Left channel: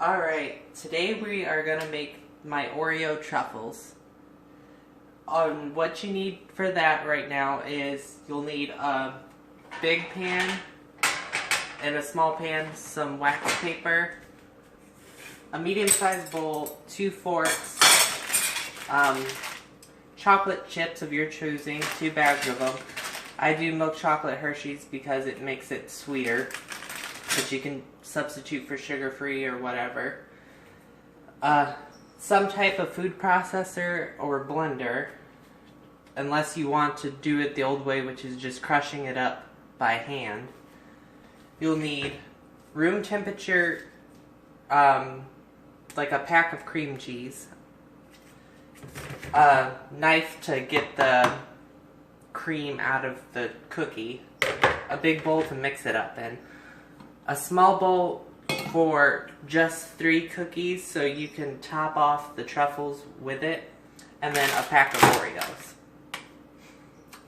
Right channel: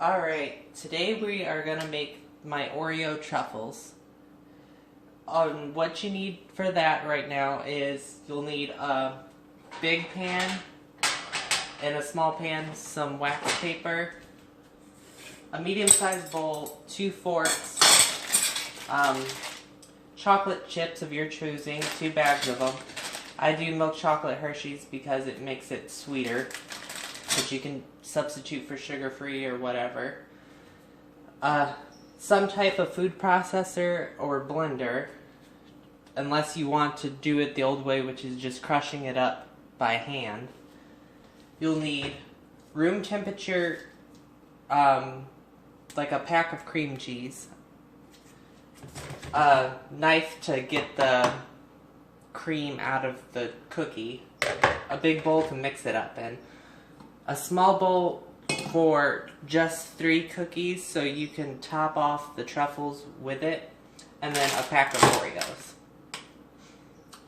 Alright, today we are going to make my Oreo Truffles. What you need for that right now is you'll need a big pan, and a small pan, some wax paper, a medium-sized bowl, 2 forks, chocolate chips of your choosing, 2 bags of them. I do milk chocolate Hersheys because it makes it sweeter, but you can substitute for sugar-free or whatever. Some type of food processor or blender, unless you want to do it the old way, which is just crushing it up by hand. You'll need room temperature, like a pack of cream cheese, a knife to get the cream out of the cookie, a big bowl to mix it up in, a small bowl for just 3 cookies so you can top off the truffles with it, and then a pack of Oreos.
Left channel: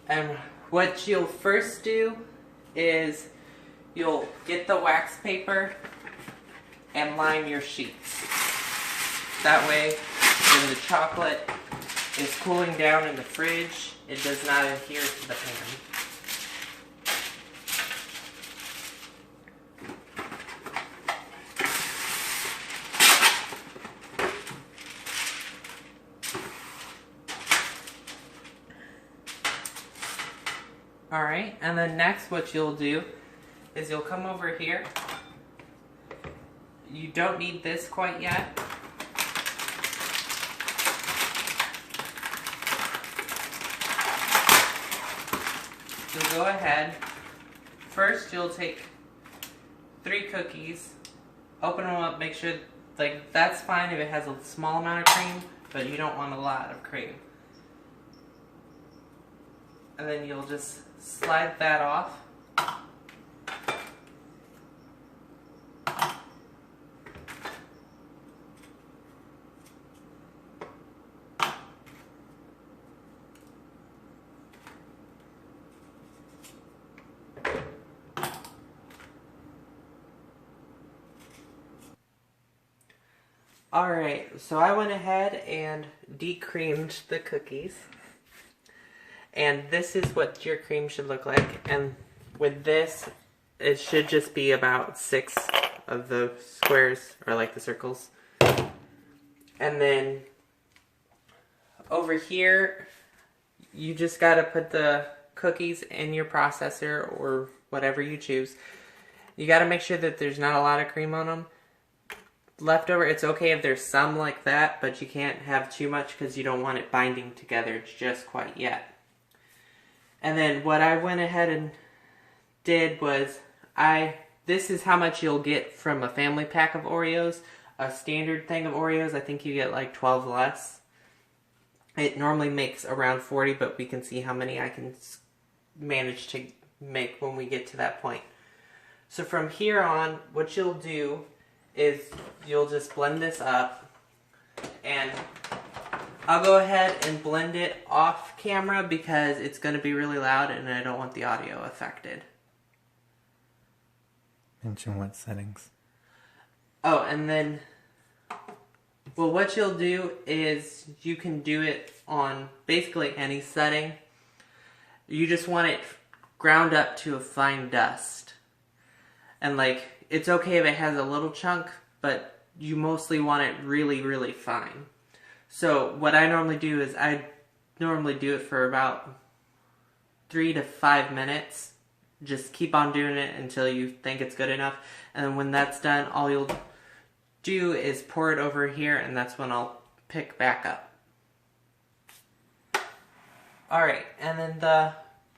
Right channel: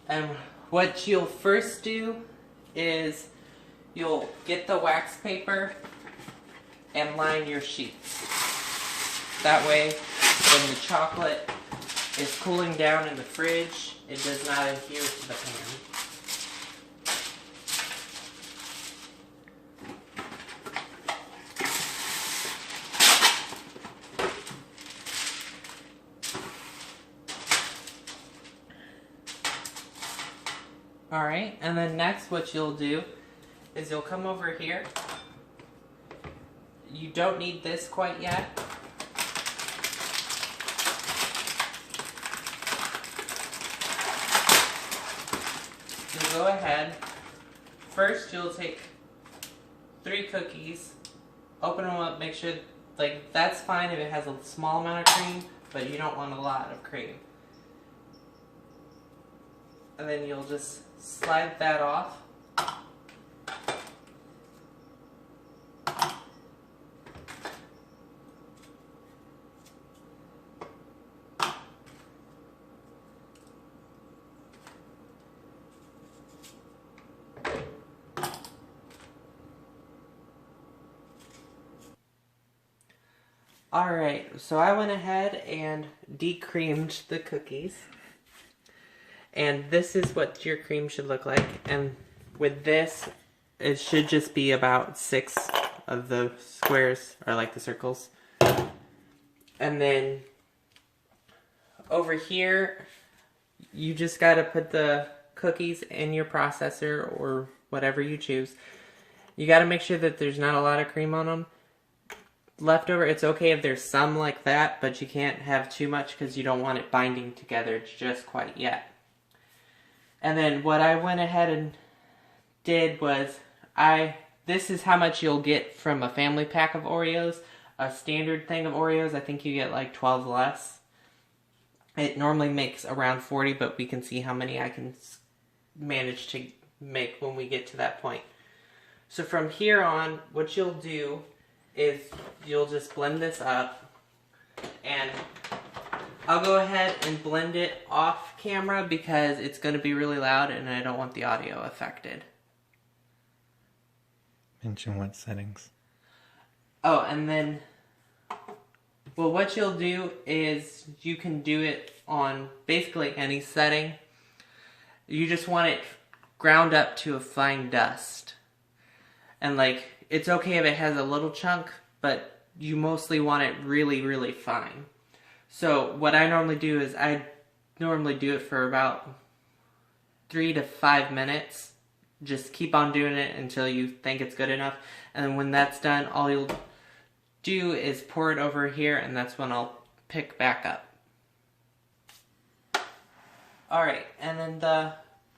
And what you'll first do is you'll get the wax paper and line your sheets. That way, when the chocolate is cooling down in the fridge, it does not adhere to the pan. Alright, and then next what you'll do is you'll come over here. You don't need this quite yet. You'll go ahead. First you'll take 3 cookies, open them up, make sure, like, that's fine if it has a small amount of cream, but you don't want a lot of cream. And then you'll just slide that off. Alright, so I went ahead and decreamed the cookies. And this is what your cream should look like. And with this, it should just be about 6 of the squares, or like the circles. And then over here, you just gotta put the cookies in your processor or whatever you choose. You gotta make sure that there's not a lot of cream on them. Leftover, it's okay if there's some like that, but you can't have too much because you don't want it binding together just quite yet. And then what I went ahead and did was, this is how much you'll get from a family pack of Oreos. A standard thing of Oreos, I think you get like 12 less. It normally makes around 40, but we can see how many I can manage to make when we get to that point. So from here on, what you'll do is you'll just blend this up, and I'll go ahead and blend it off camera because it's going to be really loud and I don't want the audio affected. Mention what settings. Oh, and then, well, what you'll do is you can do it on basically any setting. You just want it ground up to a fine dust. And like, it's okay if it has a little chunk, but you mostly want it really, really fine. So what I normally do is I normally do it for about 3 to 5 minutes. Just keep on doing it until you think it's good enough. And then when that's done, all you'll do is pour it over here, and that's when I'll pick back up. Alright, and then the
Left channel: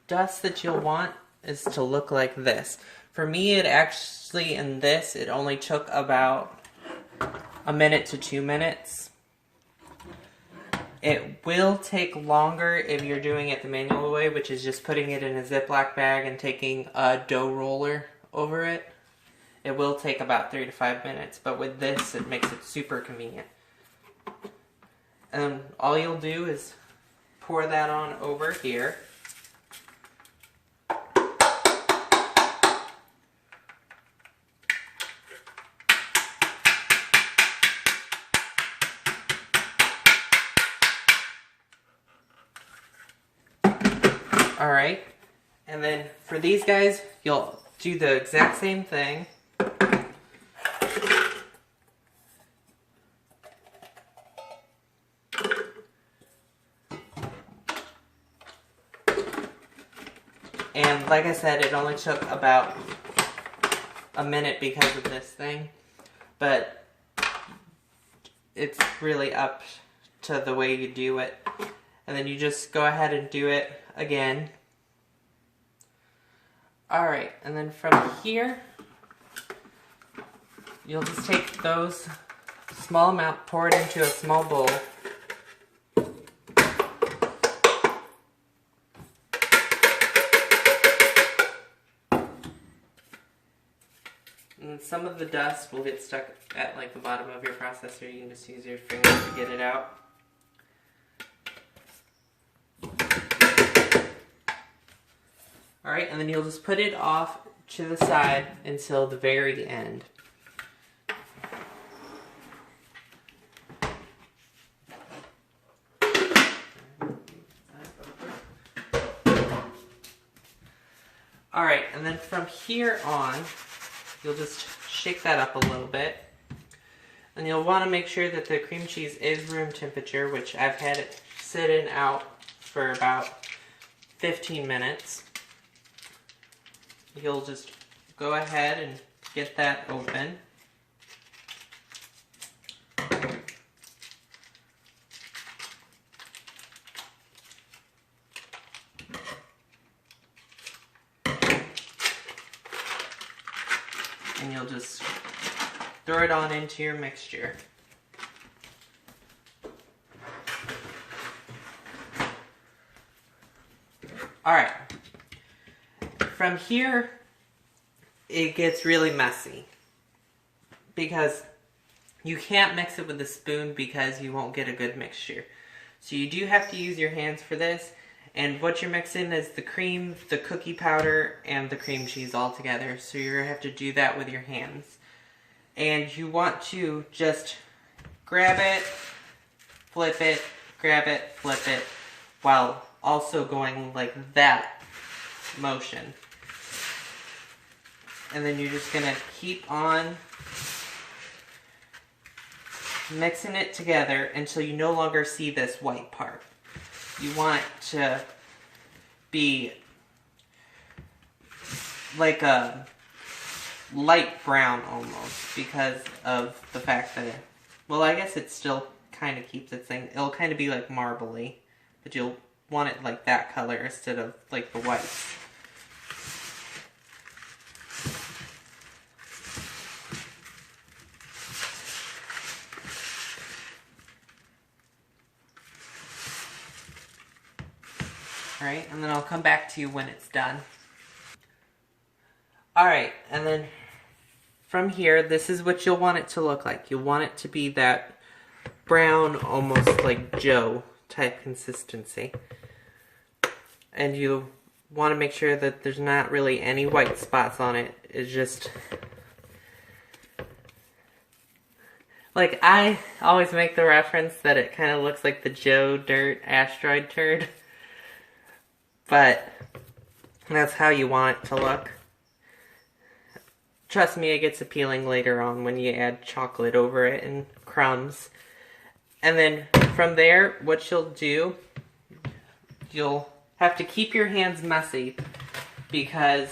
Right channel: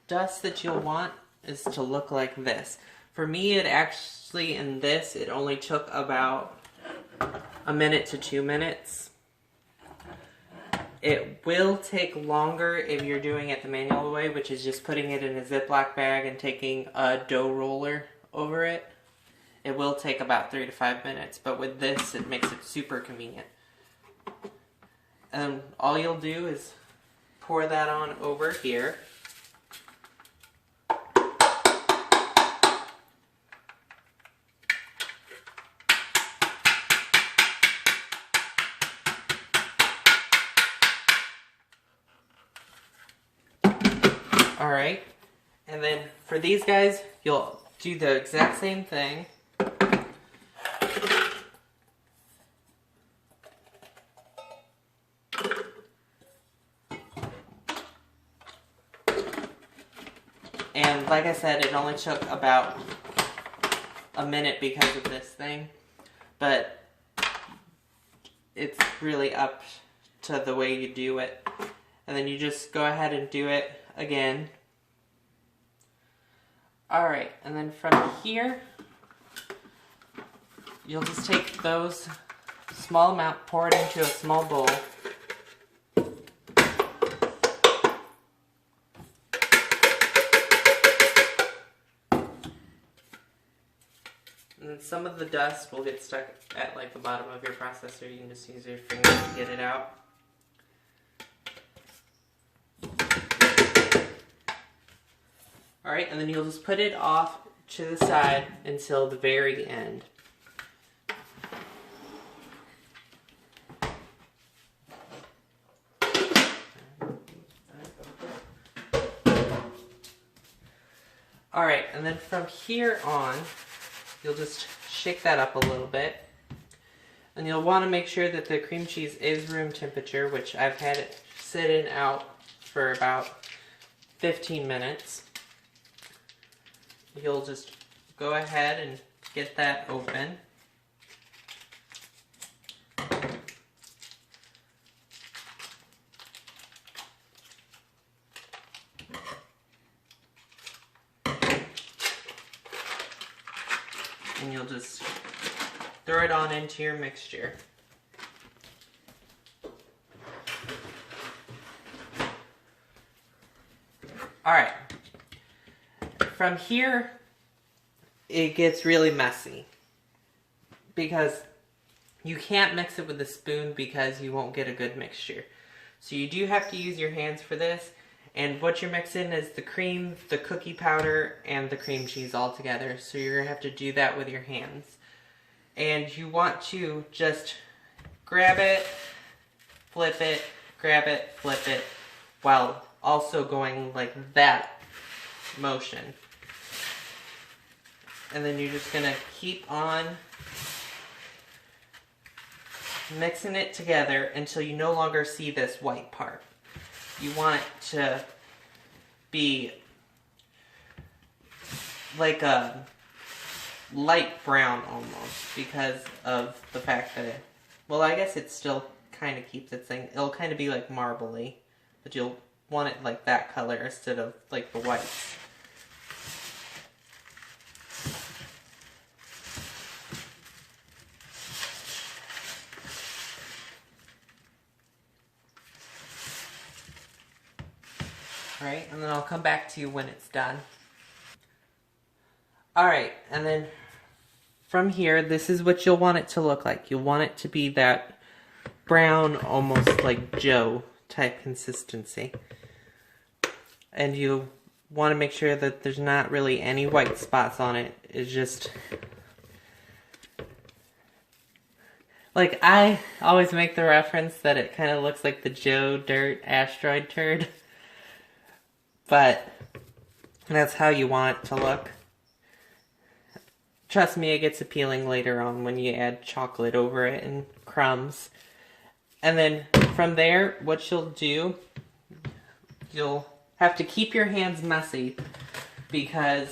dust that you'll want is to look like this. For me, it actually, in this, it only took about 1 minute to 2 minutes. It will take longer if you're doing it the manual way, which is just putting it in a Ziploc bag and taking a dough roller over it. It will take about 3 to 5 minutes, but with this, it makes it super convenient. And all you'll do is pour that on over here. Alright, and then for these guys, you'll do the exact same thing. And like I said, it only took about a minute because of this thing, but it's really up to the way you do it. And then you just go ahead and do it again. Alright, and then from here, you'll just take those small amount, pour it into a small bowl. And some of the dust will get stuck at like the bottom of your processor. You can just use your finger to get it out. Alright, and then you'll just put it off to the side until the very end. Alright, and then from here on, you'll just shake that up a little bit. And you'll want to make sure that the cream cheese is room temperature, which I've had it sitting out for about 15 minutes. You'll just go ahead and get that open. And you'll just throw it on into your mixture. Alright. From here, it gets really messy. Because you can't mix it with a spoon because you won't get a good mixture. So you do have to use your hands for this. And what you're mixing is the cream, the cookie powder, and the cream cheese all together. So you're going to have to do that with your hands. And you want to just grab it, flip it, grab it, flip it, while also going like that motion. And then you're just going to keep on mixing it together until you no longer see this white part. You want it to be like a light brown almost because of the fact that well, I guess it still kind of keeps its thing. It'll kind of be like marbly, but you'll want it like that color instead of like the whites. Alright, and then I'll come back to you when it's done. Alright, and then from here, this is what you'll want it to look like. You'll want it to be that brown, almost like Joe type consistency. And you want to make sure that there's not really any white spots on it. It's just like I always make the reference that it kind of looks like the Joe Dirt asteroid turd. But that's how you want it to look. Trust me, it gets appealing later on when you add chocolate over it and crumbs. And then from there, what you'll do, you'll have to keep your hands messy because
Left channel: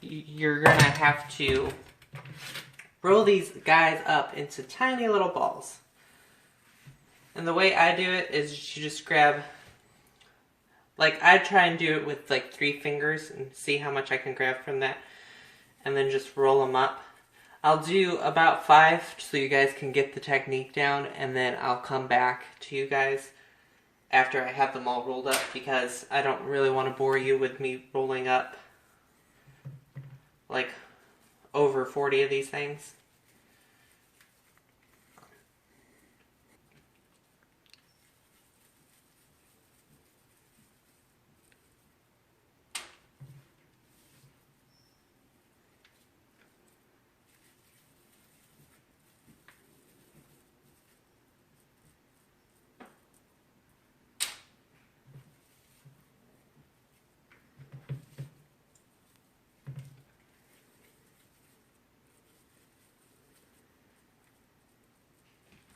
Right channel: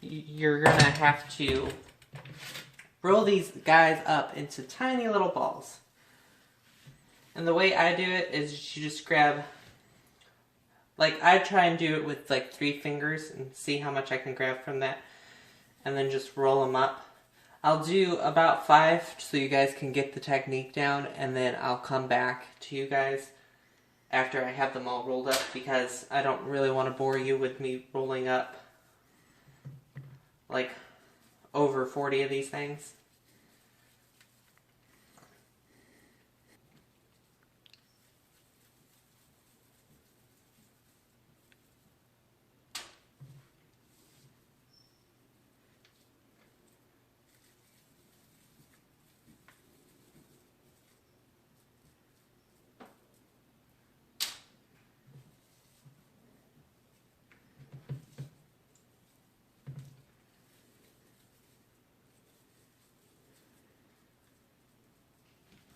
you're going to have to roll these guys up into tiny little balls. And the way I do it is you just grab, like I try and do it with like 3 fingers and see how much I can grab from that. And then just roll them up. I'll do about 5 so you guys can get the technique down, and then I'll come back to you guys after I have them all rolled up because I don't really want to bore you with me rolling up like over 40 of these things.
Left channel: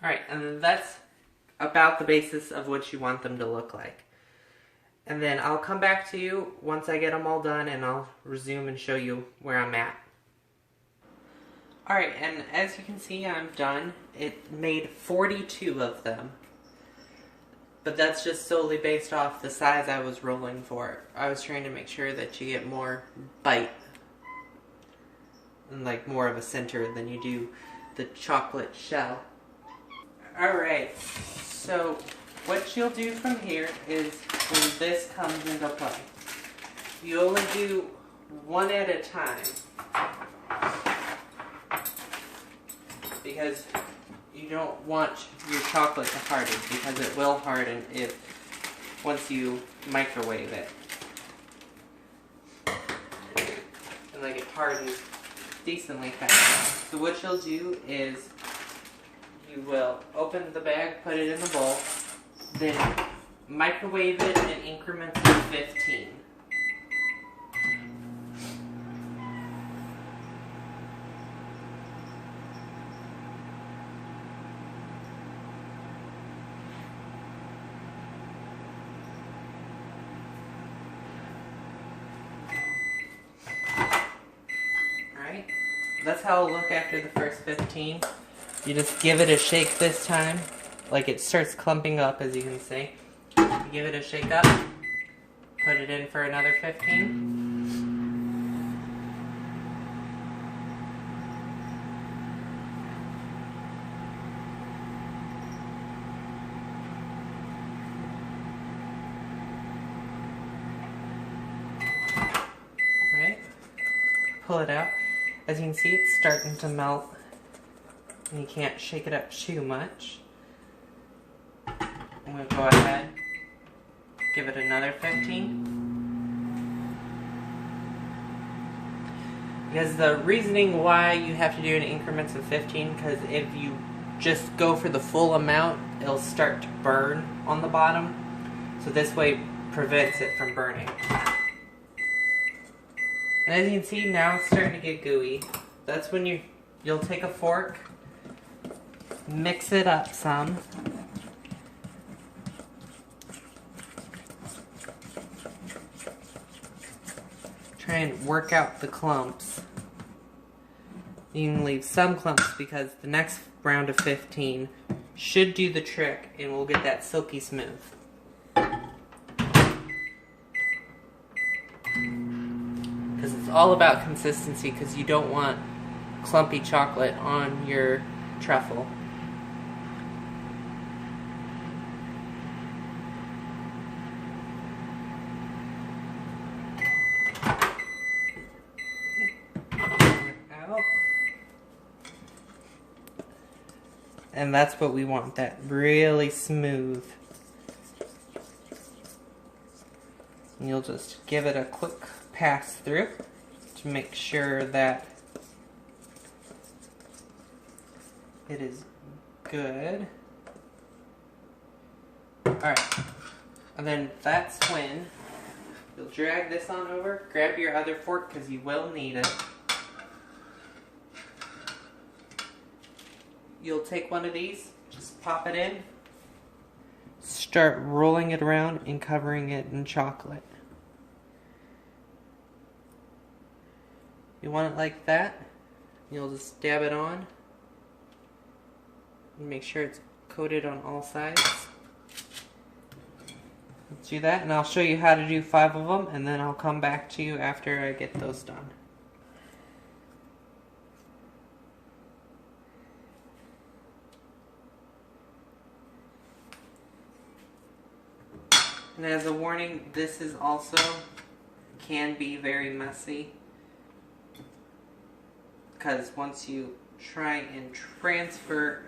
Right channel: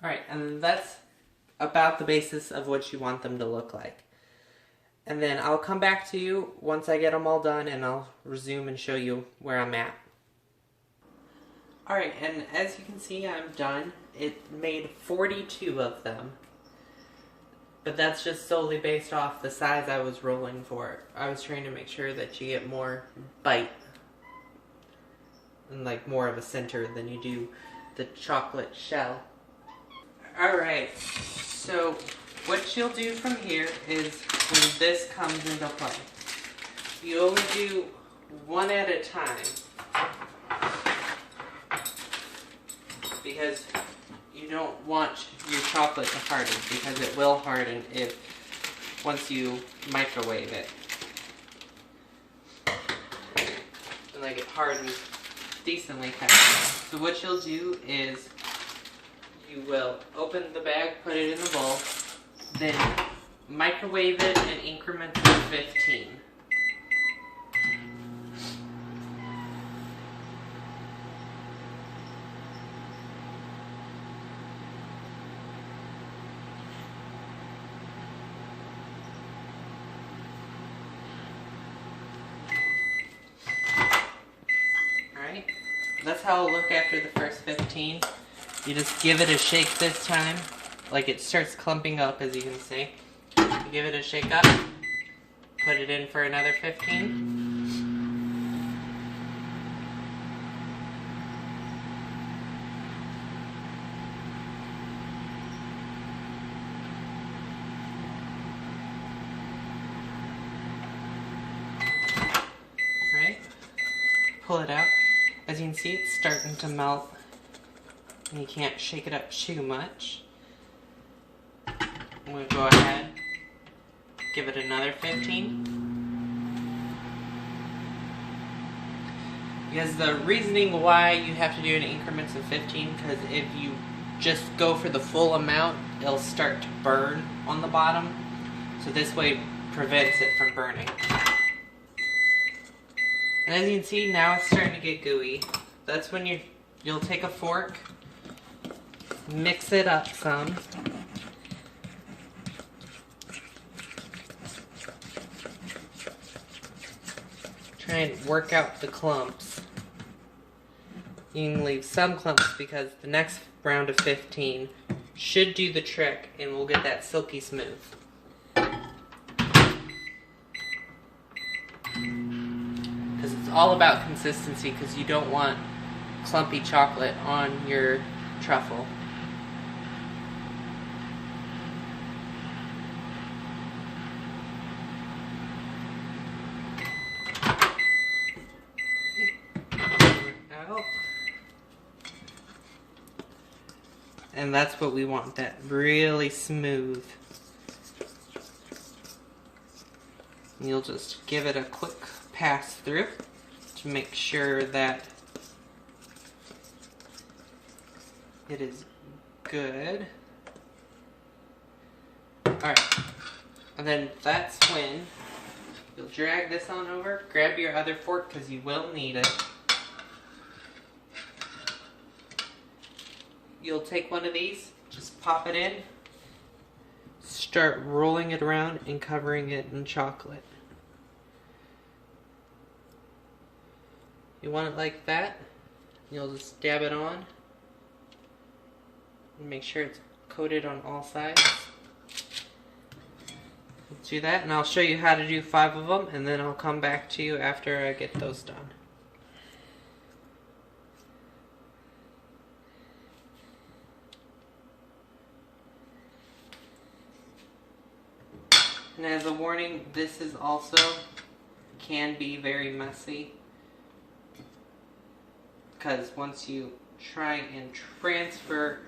Alright, and that's about the basis of what you want them to look like. And then I'll come back to you once I get them all done, and I'll resume and show you where I'm at. Alright, and as you can see, I'm done. It made 42 of them. But that's just solely based off the size I was rolling for. I was trying to make sure that you get more bite. And like more of a center than you do the chocolate shell. Alright, so what you'll do from here is when this comes into play, you only do one at a time. Because you don't want your chocolate to harden, because it will harden if once you microwave it. And like it hardens decently fast. So what you'll do is you will open the bag, put it in the bowl, then microwave it in increments of 15. Alright, that's how it'll look after the first 15. You just give it a shake this time, like it starts clumping up, as you can see. You give it a shake up, put it in for another 15. Alright, pull it out. As you can see, it's starting to melt. And you can't shake it up too much. I'm going to go ahead, give it another 15. Because the reasoning why you have to do it in increments of 15, because if you just go for the full amount, it'll start to burn on the bottom. So this way prevents it from burning. And as you can see, now it's starting to get gooey. That's when you'll take a fork, mix it up some. Try and work out the clumps. You can leave some clumps because the next round of 15 should do the trick and we'll get that silky smooth. Because it's all about consistency, because you don't want clumpy chocolate on your truffle. And that's what we want, that really smooth. And you'll just give it a quick pass through to make sure that it is good. Alright, and then that's when you'll drag this on over, grab your other fork because you will need it. You'll take one of these, just pop it in, start rolling it around and covering it in chocolate. You want it like that, you'll just dab it on and make sure it's coated on all sides. Let's do that, and I'll show you how to do 5 of them, and then I'll come back to you after I get those done. And as a warning, this is also can be very messy, because once you try and transfer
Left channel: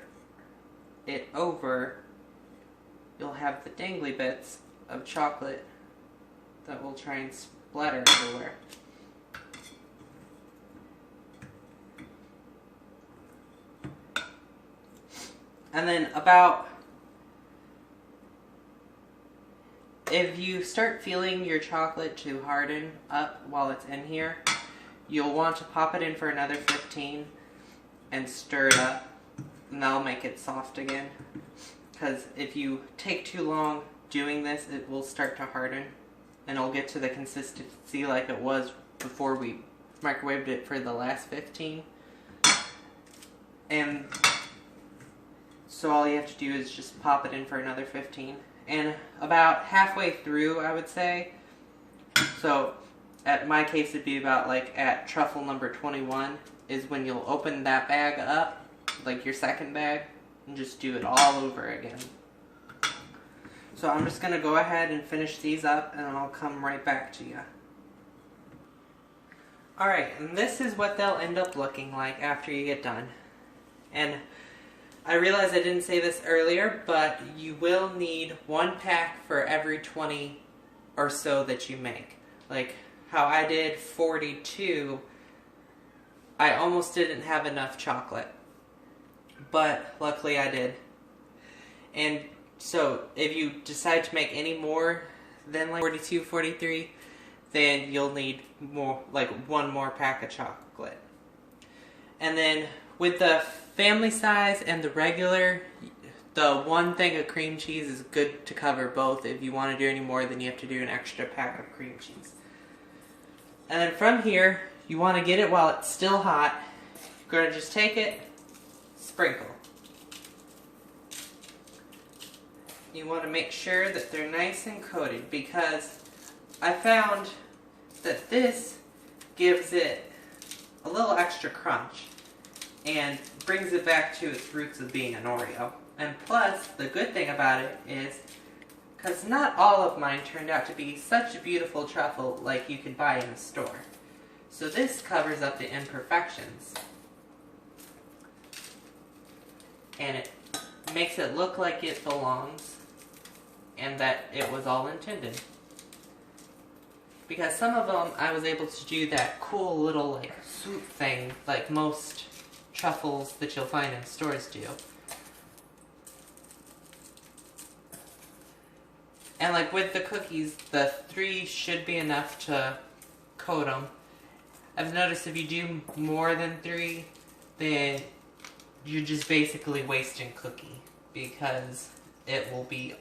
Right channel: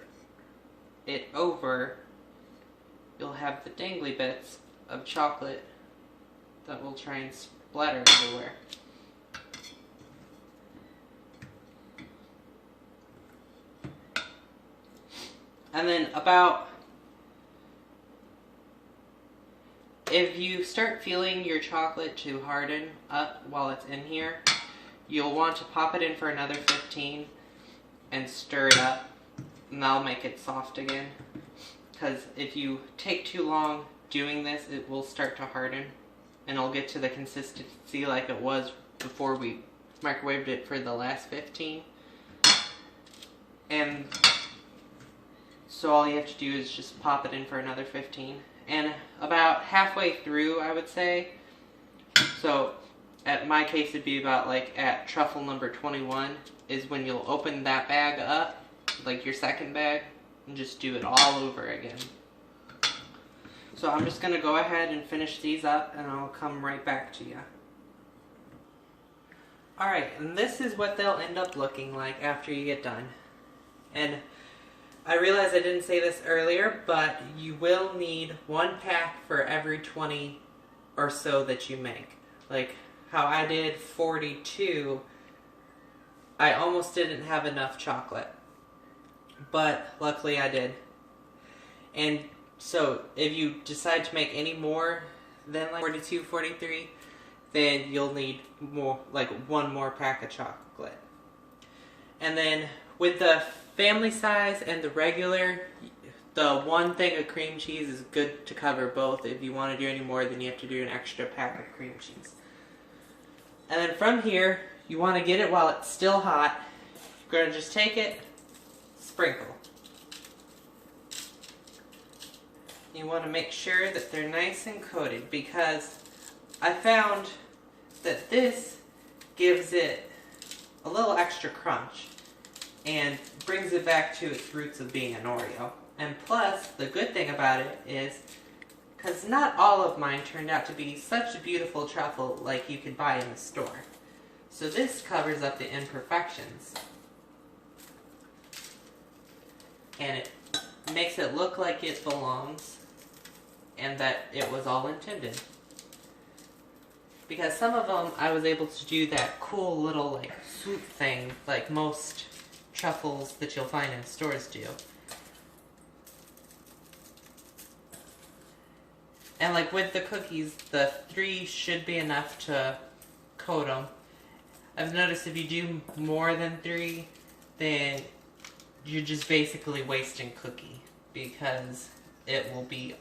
it over, you'll have the dangly bits of chocolate that will try and splatter everywhere. And then if you start feeling your chocolate to harden up while it's in here, you'll want to pop it in for another 15 and stir it up and that'll make it soft again. Because if you take too long doing this, it will start to harden, and it'll get to the consistency like it was before we microwaved it for the last 15. And so all you have to do is just pop it in for another 15. And about halfway through, I would say, so at my case it'd be about like at truffle number 21 is when you'll open that bag up, like your second bag, and just do it all over again. So I'm just going to go ahead and finish these up, and I'll come right back to you. Alright, and this is what they'll end up looking like after you get done. And I realize I didn't say this earlier, but you will need 1 pack for every 20 or so that you make. Like how I did 42, I almost didn't have enough chocolate. But luckily I did. And so if you decide to make any more than like 42, 43, then you'll need more, like 1 more pack of chocolate. And then with the family size and the regular, the 1 thing of cream cheese is good to cover both. If you want to do any more, then you have to do an extra pack of cream cheese. And then from here, you want to get it while it's still hot. You're going to just take it, sprinkle. You want to make sure that they're nice and coated, because I found that this gives it a little extra crunch and brings it back to its roots of being an Oreo. And plus, the good thing about it is, because not all of mine turned out to be such a beautiful truffle like you could buy in the store. So this covers up the imperfections. And it makes it look like it belongs and that it was all intended. Because some of them I was able to do that cool little like swoop thing like most truffles that you'll find in stores do. And like with the cookies, the 3 should be enough to coat them. I've noticed if you do more than 3, then you're just basically wasting cookie, because it will be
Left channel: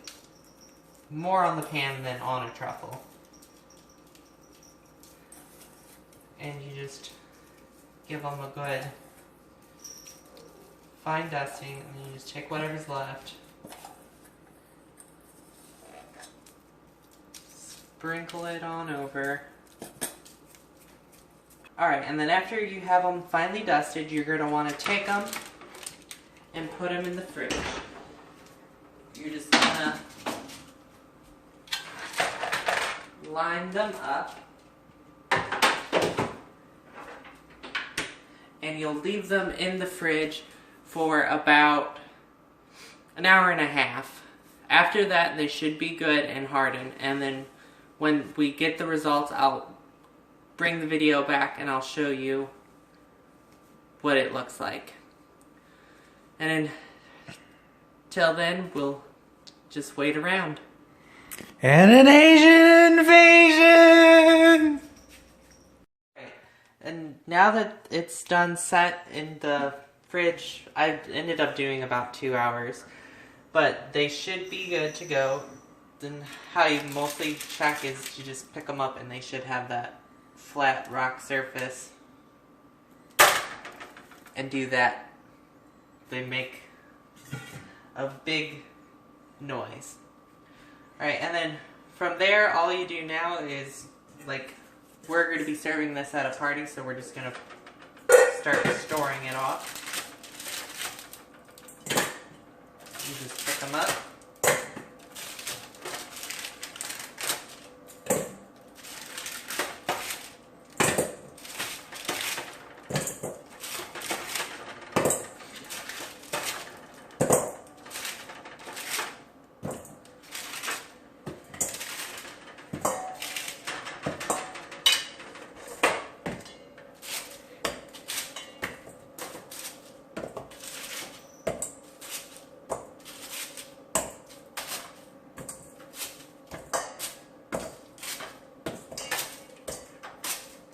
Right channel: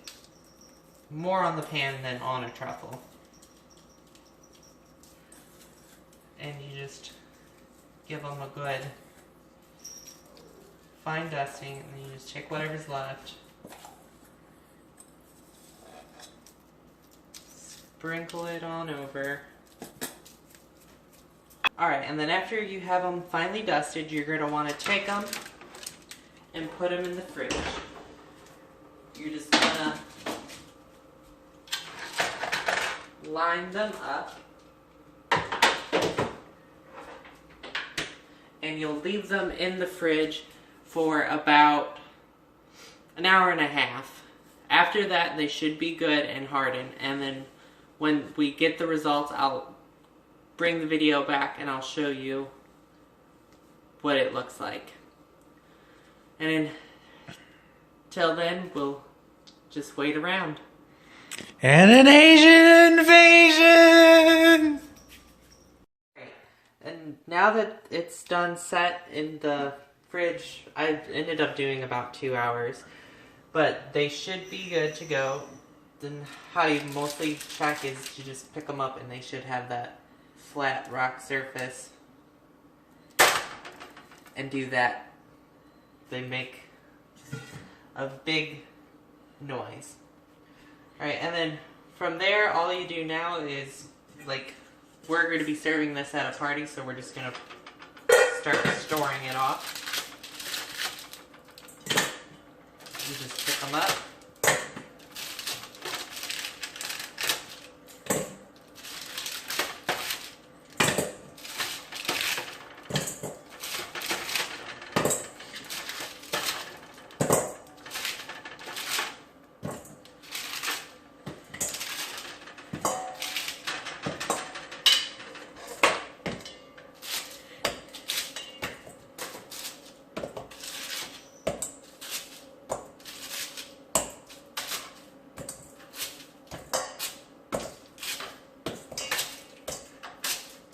more on the pan than on a truffle. And you just give them a good fine dusting, and you just take whatever's left, sprinkle it on over. Alright, and then after you have them finely dusted, you're going to want to take them and put them in the fridge. You're just going to line them up, and you'll leave them in the fridge for about an hour and a half. After that, they should be good and hardened, and then when we get the results, I'll bring the video back and I'll show you what it looks like. And until then, we'll just wait around. And an Asian invasion! And now that it's done set in the fridge, I ended up doing about 2 hours, but they should be good to go. Then how you mostly check is you just pick them up and they should have that flat rock surface, and do that. They make a big noise. Alright, and then from there, all you do now is, like, we're going to be serving this at a party, so we're just going to start storing it off. You just pick them up.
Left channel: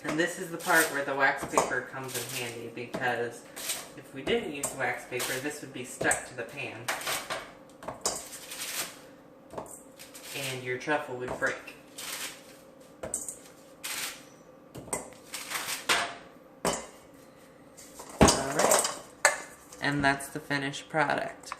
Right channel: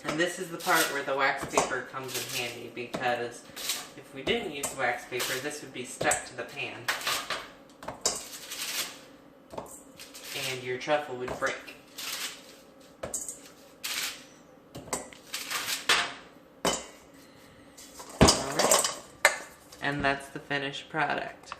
And this is the part where the wax paper comes in handy, because If we didn't use wax paper, this would be stuck to the pan. And your truffle would break. Alright. And that's the finished product.